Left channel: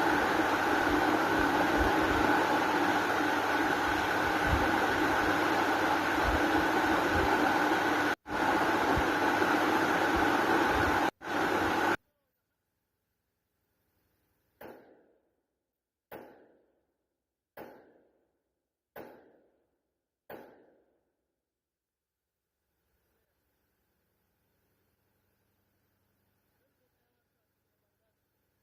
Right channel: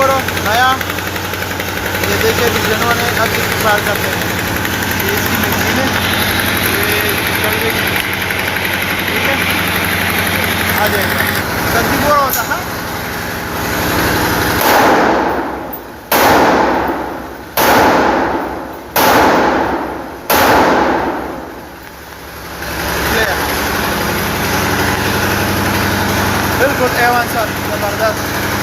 बोरो नया, ये देखिए डिजाइनों ने अब इस्तेमाल करते हैं। ये इसकी मशीन है, ये चल गई, ठीक है, आ जाएगा। सब्जी बोरा होता है। बिल्कुल A1 सर, जबरदस्त।